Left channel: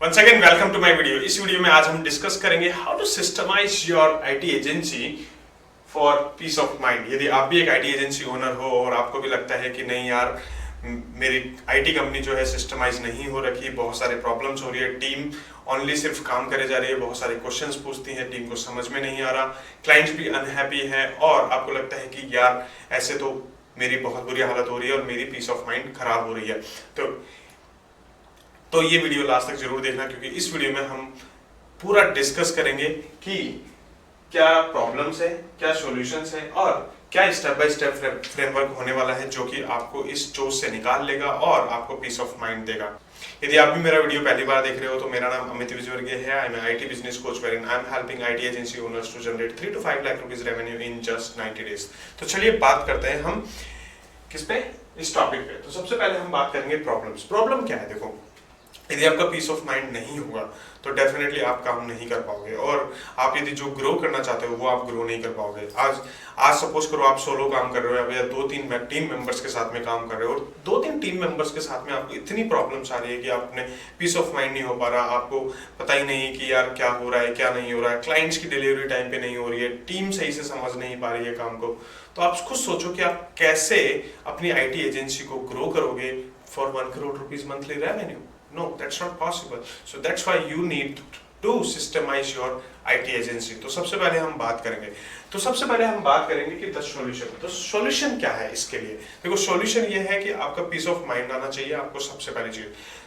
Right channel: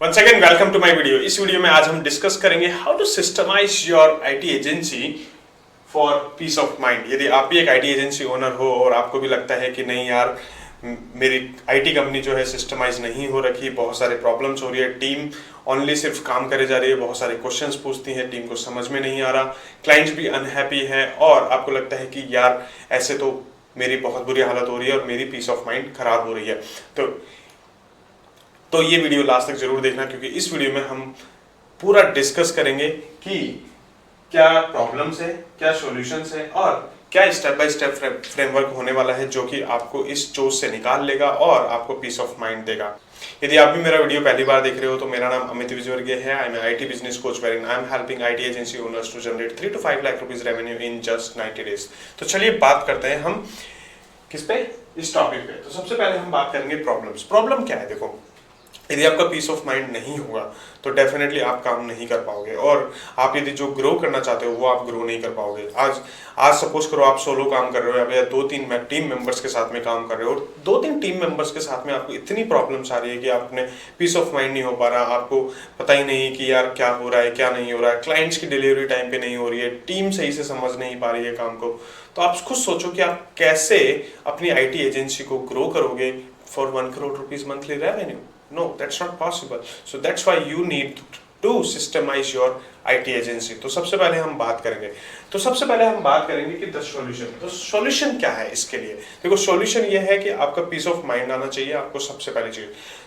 Once again welcome to my video. इस video में आज हम डिस्कस करेंगे how to systemise your IT agency for peace of mind. यदि आप भी एक आईटी एजेंसी ओनर हो और आपको भी लगता है कि नहीं यार मेरी आईटी कंपनी जो है सिस्टमाइज नहीं हो रखी, बहुत सारे प्रॉब्लम्स हो रही है, टीम ओनली सिर्फ काम करे जा रही है, बहुत सारे क्वेश्चंस पूछती है, टीम को समझ में नहीं आ रहा, क्लाइंट्स भी अनहैप्पी है और आपको लगता है कि यार ऐसे तो मेरी बहुत बुरी हालत हो रही है और मेरी पीस ऑफ माइंड खराब हो रही है, तो ये वीडियो लास्ट तक जरूर देखना, क्योंकि इस वीडियो में हम पूरा डिस्कस करेंगे कि क्या प्रॉब्लम्स है, क्या सॉल्यूशंस है और क्या स्टेप बाय स्टेप फ्रेमवर्क होने वाला है जो कि आपको इस जोश से निकाल लेगा और आपको पीस ऑफ माइंड देगा। यदि आप भी मेरा वीडियो पहली बार देख रहे हो तो मेरा नाम अमित विजयवर्गीय है। I am IT business coach wherein I am helping IT agency owners to generate 3 to 5 lakh rupees revenue in just 90 days. तो चलिए बात करते हैं हम किस पे, इस टॉपिक पे। तो सबसे पहले हम बात करेंगे प्रॉब्लम्स। प्रॉब्लम क्या है? देखो, यदि आपका पीस ऑफ माइंड नहीं होगा तो डेफिनेटली आप काम नहीं कर पाओगे और आप यदि जो ग्रो करना चाहते हो वो आप ग्रो नहीं कर पाओगे। आज सपोज करो आप सोलो काम कर रहे हो या 2-3 टीम मेंबर्स के साथ में काम कर रहे हो और 2-3 टीम मेंबर्स के साथ में आपको इतनी प्रॉब्लम्स आ रही है कि आपने पीस ऑफ माइंड नहीं हो पा रहा, आपको पता ही नहीं कि यार क्या हो रहा है क्या नहीं हो रहा है, क्लाइंट्स की डिलीवरी टाइम पे नहीं हो रही है, टीम सही से समझ नहीं पा रही है काम को। तो आप खुद सोचो कि आप कैसे अपनी आईटी एजेंसी को ग्रो करोगे for 1 crore rupees monthly revenue. No, that's not possible. So that's why you need to systemize your IT agency. तो सबसे पहले हम बात करेंगे कि द सॉल्यूशन। तो सॉल्यूशन क्या है इसके लिए? देखो, सॉल्यूशन ये है कि आपका पीस ऑफ माइंड आना चाहिए आपको सबसे पहली चीज।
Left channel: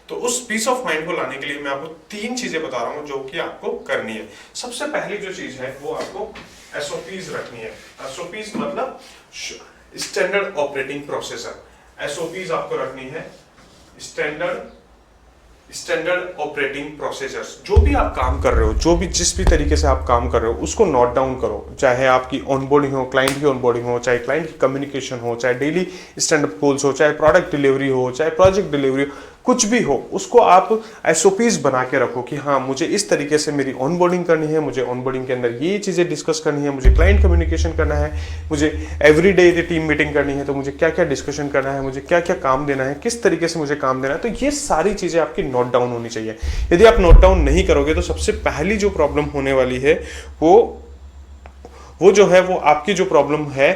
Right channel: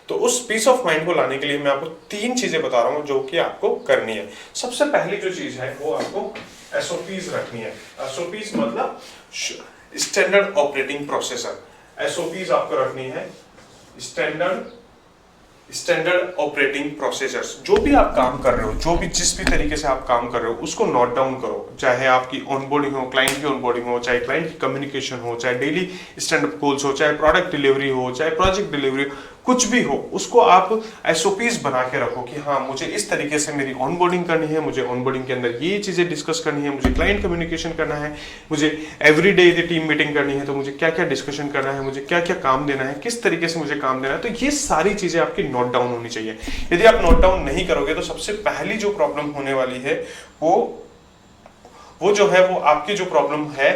तो उस पीस ऑफ माइंड को लाने के लिए मैं आपको 3 चीजें बता रहा हूँ जो कि आपको करनी है। सबसे पहली जो चीज है वो आपको एसओपीज रखनी है। एसओपीज मतलब स्टैंडर्ड ऑपरेटिंग प्रोसेसर। एसओपीज आपको रखनी है, स्टैंडर्ड ऑपरेटिंग प्रोसीजर्स। जो भी आप काम कर रहे हो, जो भी जिस भी तरीके से आप काम कर रहे हो उसको नोट डाउन करो। चाहे आपकी ऑनबोर्डिंग हो, क्लाइंट की ऑनबोर्डिंग हो, चाहे क्लाइंट की कम्युनिकेशन हो, चाहे डेली स्टैंड अप गोल्स हो, चाहे प्रोडक्ट डिलीवरी हो, चाहे प्रोजेक्ट डिलीवरी हो, कुछ भी हो उसको आप एसओपीज बना के रखो कि हाँ मुझे इस तरीके से मेरी ऑनबोर्डिंग करनी है, मुझे ऑनबोर्डिंग के अंदर ये चीजें डिस्कस करनी है, मुझे क्लाइंट कम्युनिकेशन करना है, मुझे एवरी डे यदि टीम मीटिंग करनी है तो मुझे क्या क्या डिस्कशन करना है, मुझे क्या क्या काम देना है, किस तरीके से मुझे काम देना है। तो ये सारी चीजें आपकी नोट डाउन होनी चाहिए। यदि आप नोट डाउन नहीं करोगे तो सबसे पहली जो प्रॉब्लम होने वाली है वो जो है वो आपकी जो प्रॉब्लम है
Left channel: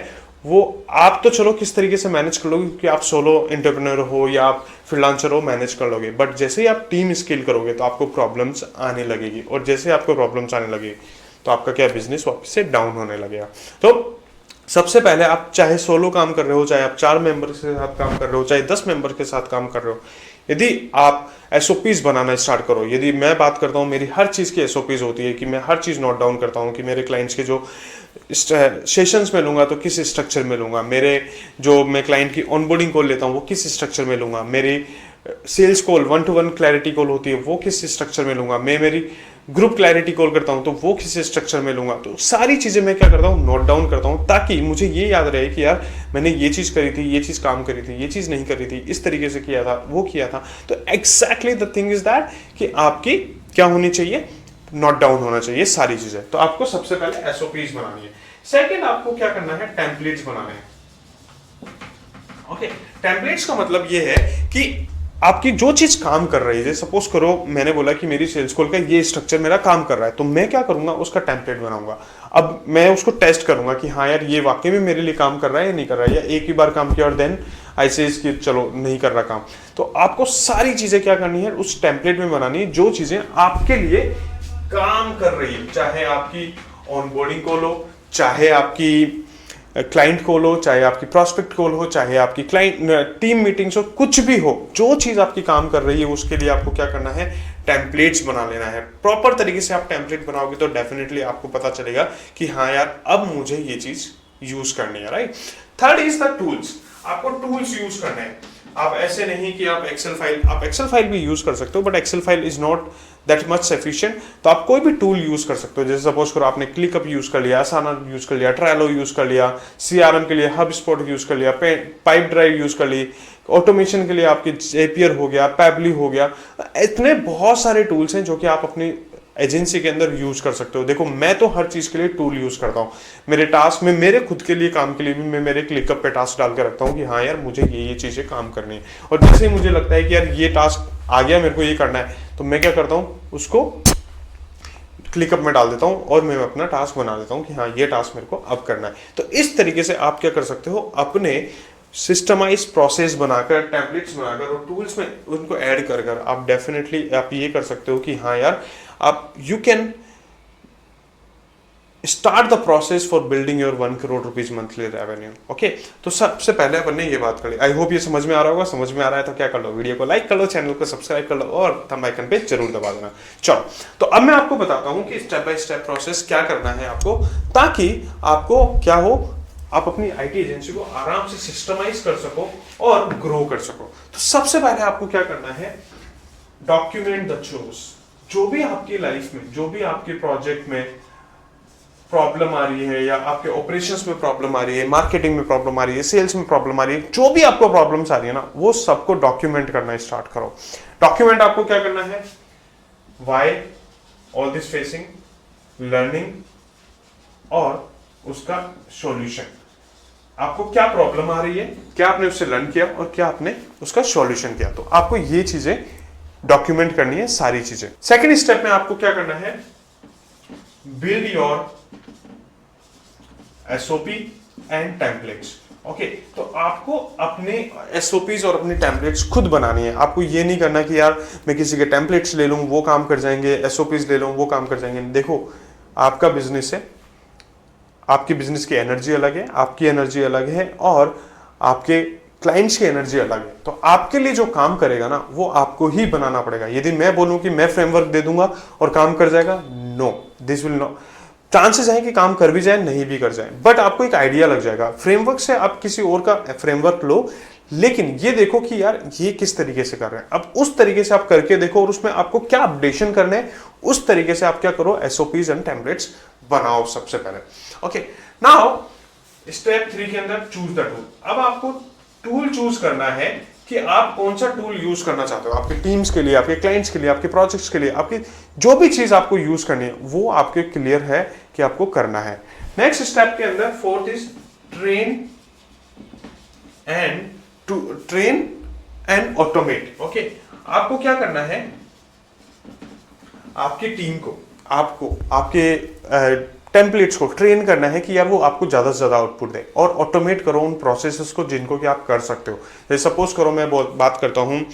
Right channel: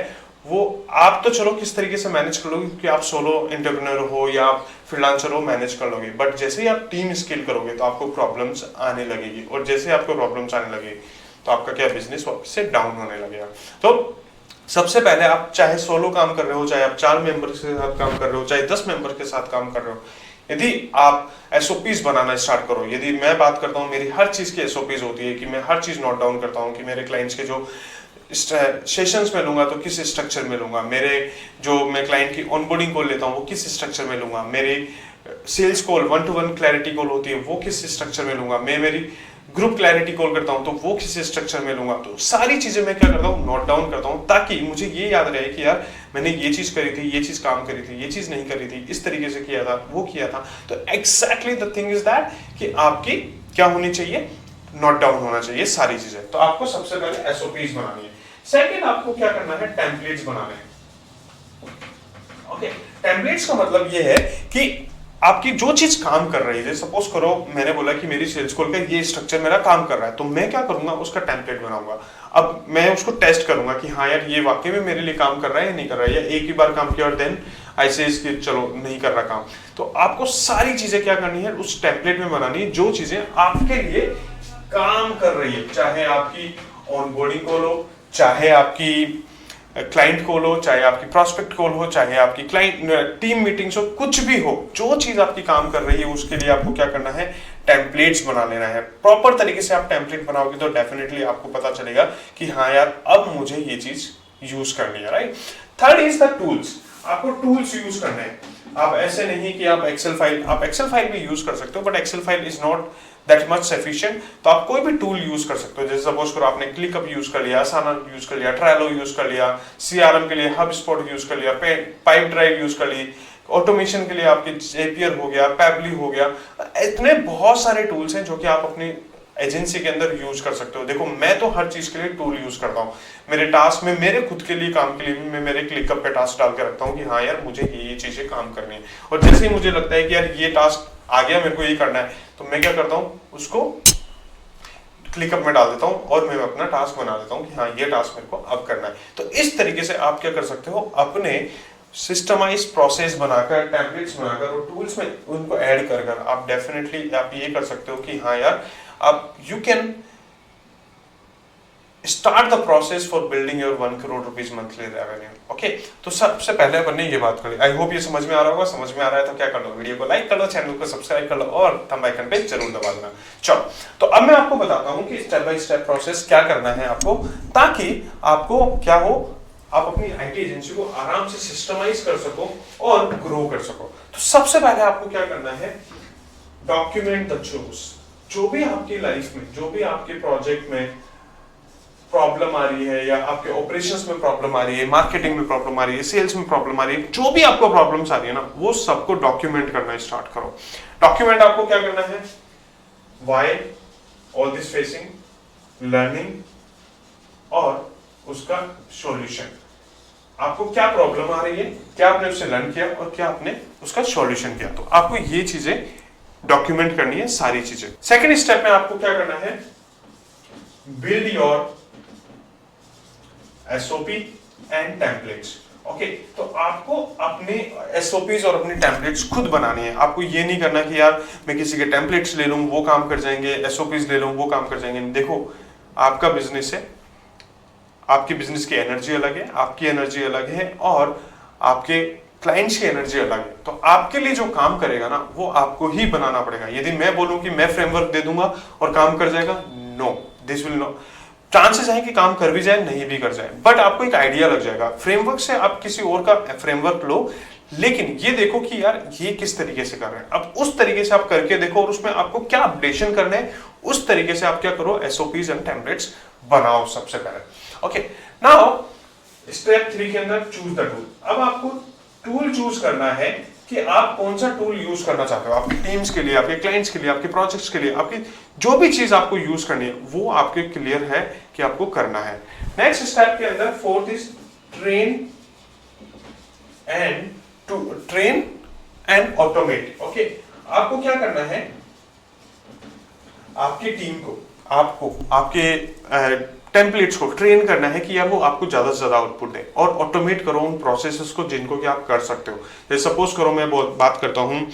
वो आप तो चलो किस तरीके से मैनेज कर लोगे क्योंकि आप सोलो एंटरप्रेन्योर हो या आप फ्रीलांसर हो, मैनेज कर लोगे। बट जैसे ही आप टीम स्केल करोगे तो आपको प्रॉब्लम्स आने लगेगी और जैसे आपको प्रॉब्लम्स आने लगेगी तो आपका क्या बिजनेस वापस से डाउन होने लगेगा। तो सबसे पहले आप चाहे सोलो काम कर रहे हो, चाहे आप 4 मेंबर के साथ काम कर रहे हो, चाहे 10 मेंबर के साथ काम कर रहे हो, यदि आप एसओपीज बनाना स्टार्ट करो। यदि मैं बात करता हूँ मेरी हर चीज की एसओपीज होती है कि मैं हर चीज नोट डाउन करता हूँ कि मेरे क्लाइंट्स के जो सेशंस में लूंगा तो किस स्ट्रक्चर में लूंगा, मेरे जो मैं क्लाइंट की ऑनबोर्डिंग कॉल लेता हूँ वो किस स्ट्रक्चर में लूंगा, मेरी sales call 1-to-1 clarity call होती है वो किस स्ट्रक्चर में लूंगा, मैं मेरी ग्रुप क्लैरिटी कॉल करता हूं तो वो किस स्ट्रक्चर में लूंगा। तो सारी चीजें मैं क्या करता हूं, नोट डाउन करता हूं ताकि मुझे ये याद रहे कि यार मैंने ये चीज करी थी, ये चीज काम करी थी, ये चीज नहीं करी थी, इस तरीके से किया था, वो किया था। तो exactly the thing is that कि आपकी क्या होनी चाहिए, नोट डाउन होना चाहिए सारी चीजें। तो आपको सबसे पहले एसओपीज बनानी है। सेकेंड आपको क्या करना है, टेम्पलेट्स बनाने हैं। ओके, टेम्पलेट्स का मतलब ये है कि आपकी जो चीज काम कर रही है, सपोज करो मैंने बोला कि मेरी सेल्स कॉल का ये स्ट्रक्चर मेरा काम कर रहा है, तो मैं क्या करूंगा, उसका टेम्पलेट बनाऊंगा। अब मैं उसको टेस्ट करूंगा कि हाँ यार ये वाकई में मेरे लिए काम कर रहा है या नहीं कर रहा है, या एक ही बार काम किया और देन ऐसे इसकी चलो नहीं कर रहा काम। तो आपको सारी चीजें क्या करनी है, उस टेम्पलेट में बनानी है जो चीजें आपके लिए काम कर रही है। चाहे आपकी ऑनबोर्डिंग कॉल हो, चाहे आपकी क्लाइंट कॉल हो, चाहे आपकी प्रॉस्पेक्ट कॉल हो, चाहे आपकी क्लाइंट टीम मीटिंग्स हो, कुछ भी हो, जो चीज आपकी काम कर रही है उसके लिए आपको क्या करना है, टेम्पलेट्स बना लेना है। प्रॉपर तरीके से आप टेम्पलेट बनाओगे तो डेफिनेटली आपको पता चलेगा कि हाँ यार अब मुझे ये चीज यूज करनी है, right. Third is the tools. आपको टूल्स यूज करने हैं। आप ऐसे नहीं कि आप एक्सेल फाइल भी यूज कर सकते हो, but Excel file is not that much sufficient. तो आप कोई भी टूल यूज कर सकते हो। जैसे सपोज करो आपने क्लिकअप यूज कर लिया, आसाना यूज कर लिया, ट्रायलो यूज कर लिया, सीआरएम के लिए हबस्पॉट यूज कर लिया, पाइप ड्राइव यूज कर ली, ऑटोमेशन के लिए आपकी जेपियर हो गया, पैबली हो गया। इतने बहुत सारे टूल्स हैं जो कि आप अपनी एजेंसी के अंदर यूज कर सकते हो। देखो मैं तो हर चीज के लिए टूल यूज करता हूँ। मेरे टास्क में, मेरे खुद के लिए काम के लिए भी मैं मेरे क्लिकअप पे टास्क डाल के रखता हूँ कि हाँ यार मुझे ये चीजें काम करनी है। और जैसे ही मुझे लगता है कि यार ये टास्क आ गया, मेरे को ये करना है, तो मैं क्या करता हूँ, उसको क्लिकअप में डाल देता हूँ और मैं अपना टास्क बना देता हूँ कि हाँ ये टास्क मेरे को अब करना है। तो इस तरीके से आप क्या कर सकते हो, अपने सिस्टमाइज प्रोसेस बनाकर, टेम्पलेट्स बनाकर और टूल्स में उनको ऐड कर कर आप डेफिनेटली आप ये कर सकते हो कि हाँ यार आप you can start the process for building your 1 crore rupees monthly revenue. Okay, तो सबसे पहले अपन ने ये बात करी। आई होप ये समझ में आ रहा होगा। समझ में आ रहा है तो क्या कर लो, वीडियो को लाइक कर लो, चैनल को सब्सक्राइब कर लो और थंब आइकन पे जरूर दबा देना। चलो, तो अब मैं आपको बताता हूँ कि स्टेप बाय स्टेप प्रोसेस क्या करना है आपको, ताकि आपको क्या हो, आप अपनी आईटी एजेंसी को आराम से सिस्टमाइज कर सको और ग्रो कर सको। तो सबसे पहले आपको क्या करना है, डॉक्यूमेंट द चोज। जो भी आपकी लाइफ में, जो भी आपके प्रोजेक्ट में प्रॉब्लम आ रही है या आपके ऑपरेशंस में प्रॉब्लम आ रही है, मार्केटिंग में प्रॉब्लम आ रही है, सेल्स में प्रॉब्लम आ रही है, जो भी आपको प्रॉब्लम्स आ रही है ना, वो सबको डॉक्यूमेंट करना स्टार्ट करो। डॉक्यूमेंट आपको क्या करना है, why all this facing, learning और उसका सॉल्यूशन। आपको क्या प्रॉब्लम आ रही है, क्या आपने उससे लर्न किया और क्या आपने उसका सॉल्यूशन किया। तो आपको ये चीजें डॉक्यूमेंट करनी है, सारी चीजें। सेकेंड स्टेप में आपको क्या करना है, build your SOP and templates. Okay, तो आपको अपने SOPs और अपनी टेम्पलेट्स खुद बनानी है। आपको ये नहीं करना कि यार मैं किसी के टेम्पलेट्स ले लूं वो काम कर जाएंगे, SOPs ले लूं वो काम कर जाएंगे। देखो, आपका बिजनेस है, आपकी बिजनेस की एनर्जी अलग है, आपकी एनर्जी अलग है और आपके क्लाइंट्स की एनर्जी अलग है। तो आपके लिए जो काम करेगा ना, वो आपको ही बनाना पड़ेगा। यदि मैं बोलूं कि मैं फ्रेमवर्क दे दूंगा और काम कर जाएगा, no, this will no. Chances है कि काम कर भी जाए, नहीं भी कर जाए, बट आपको एक आइडिया लग जाएगा। फ्रेमवर्क से आप किसी और का फ्रेमवर्क लो, लेकिन ये देखो कि यार ये किस तरीके से कर रहे हैं, अब उस तरीके से आप करके देखो और उसमें आपको क्या अपडेशन करने हैं, उस तरीके से आप क्या करो, SOPs एंड टेम्पलेट्स बनाओ सबसे पहले। ओके, नाउ स्टेप 3 के अंदर चूज द टूल। अब आपको टूल चूज करना है कि आप कौन सा टूल यूज करना चाहते हो, आपकी टीम्स के लिए, आपके क्लाइंट्स के लिए, आपके प्रोजेक्ट्स के लिए, आपकी जो भी चीज आपको यूज करनी है वो आपके क्लियर है कि आपको करना है। नेक्स्ट स्टेप के अंदर fourth is train and automate. Okay, आपको क्या करना है, आपकी टीम को, आपको आपके टेम्पलेट्स को ट्रेन करना है कि यार वो आपको ज्यादा से ज्यादा आउटपुट दे, और ऑटोमेट करो उन प्रोसेसेस को जिनको कि आप कर सकते हो। जैसे सपोज करो मैं बात करता हूँ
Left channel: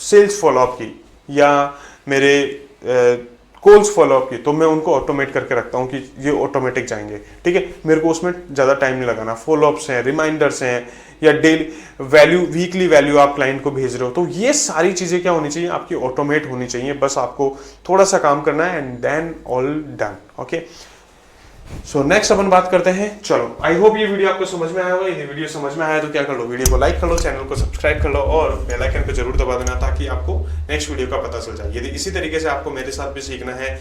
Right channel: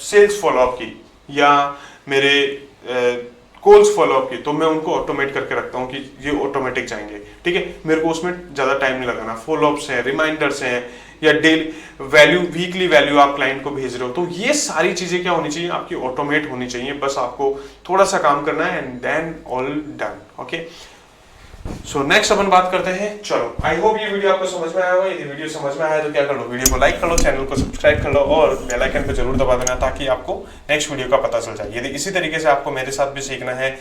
सेल्स फॉलोअप की या मेरे कॉल्स फॉलोअप की, तो मैं उनको ऑटोमेट करके रखता हूँ कि ये ऑटोमेटिक जाएंगे। ठीक है, मेरे को उसमें ज्यादा टाइम नहीं लगाना। फॉलोअप्स हैं, रिमाइंडर्स हैं या डेली वैल्यू, वीकली वैल्यू आप क्लाइंट को भेज रहे हो, तो ये सारी चीजें क्या होनी चाहिए, आपकी ऑटोमेट होनी चाहिए। बस आपको थोड़ा सा काम करना है and then all done. Okay, so next अपन बात करते हैं। चलो, आई होप ये वीडियो आपको समझ में आया होगा। यदि वीडियो समझ में आया तो क्या कर लो, वीडियो को लाइक कर लो, चैनल को सब्सक्राइब कर लो और बेल आइकन पे जरूर दबा देना, ताकि आपको नेक्स्ट वीडियो का पता चल जाए। यदि इसी तरीके से आपको मेरे साथ भी सीखना है,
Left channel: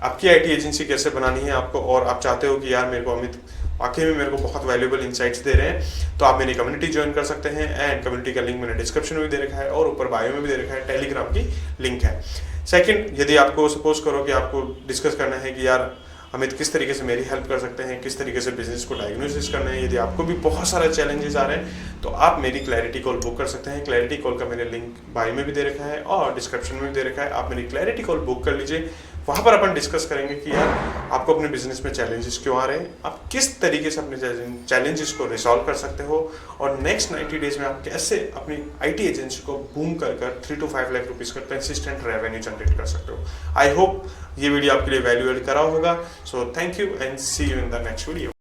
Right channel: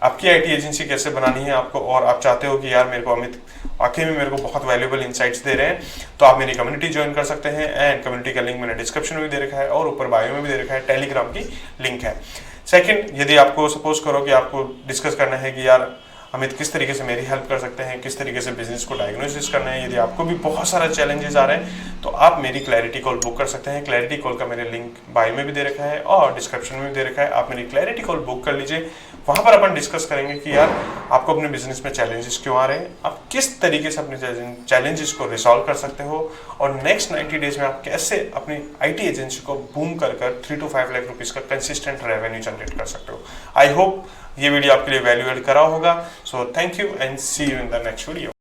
आपकी आईटी एजेंसी कैसे बनानी है आपको, और आप चाहते हो कि यार मेरे को अमित वाकई में मेरे को बहुत वैल्यूएबल इनसाइट्स दे रहे हैं, तो आप मेरी कम्युनिटी ज्वाइन कर सकते हैं। एंड कम्युनिटी का लिंक मैंने डिस्क्रिप्शन में भी दे रखा है और ऊपर बायो में भी दे रखा है, टेलीग्राम की लिंक है। सेकंड, यदि आपको सपोज करो कि आपको डिस्कस करना है कि यार अमित किस तरीके से मेरी हेल्प कर सकते हैं, किस तरीके से बिजनेस को डायग्नोसिस करना है, यदि आपको भी बहुत सारे चैलेंजेस आ रहे हैं, तो आप मेरी क्लैरिटी कॉल बुक कर सकते हैं। क्लैरिटी कॉल का मैंने लिंक बायो में भी दे रखा है और डिस्क्रिप्शन में भी दे रखा है। आप मेरी क्लैरिटी कॉल बुक कर लीजिए, वहां पर अपन डिस्कस करेंगे कि यार आपको अपने बिजनेस में चैलेंजेस क्यों आ रहे हैं, आप किस तरीके से अपने चैलेंजेस को रिसॉल्व कर सकते हो, और नेक्स्ट 90 डेज में आप कैसे अपनी आईटी एजेंसी को बूम कर 3 to 5 लाख रुपीज का कंसिस्टेंट रेवेन्यू जनरेट कर सकते हो। आई होप ये वीडियो आपके लिए वैल्यू एड करा होगा। So thank you and see you in the next video.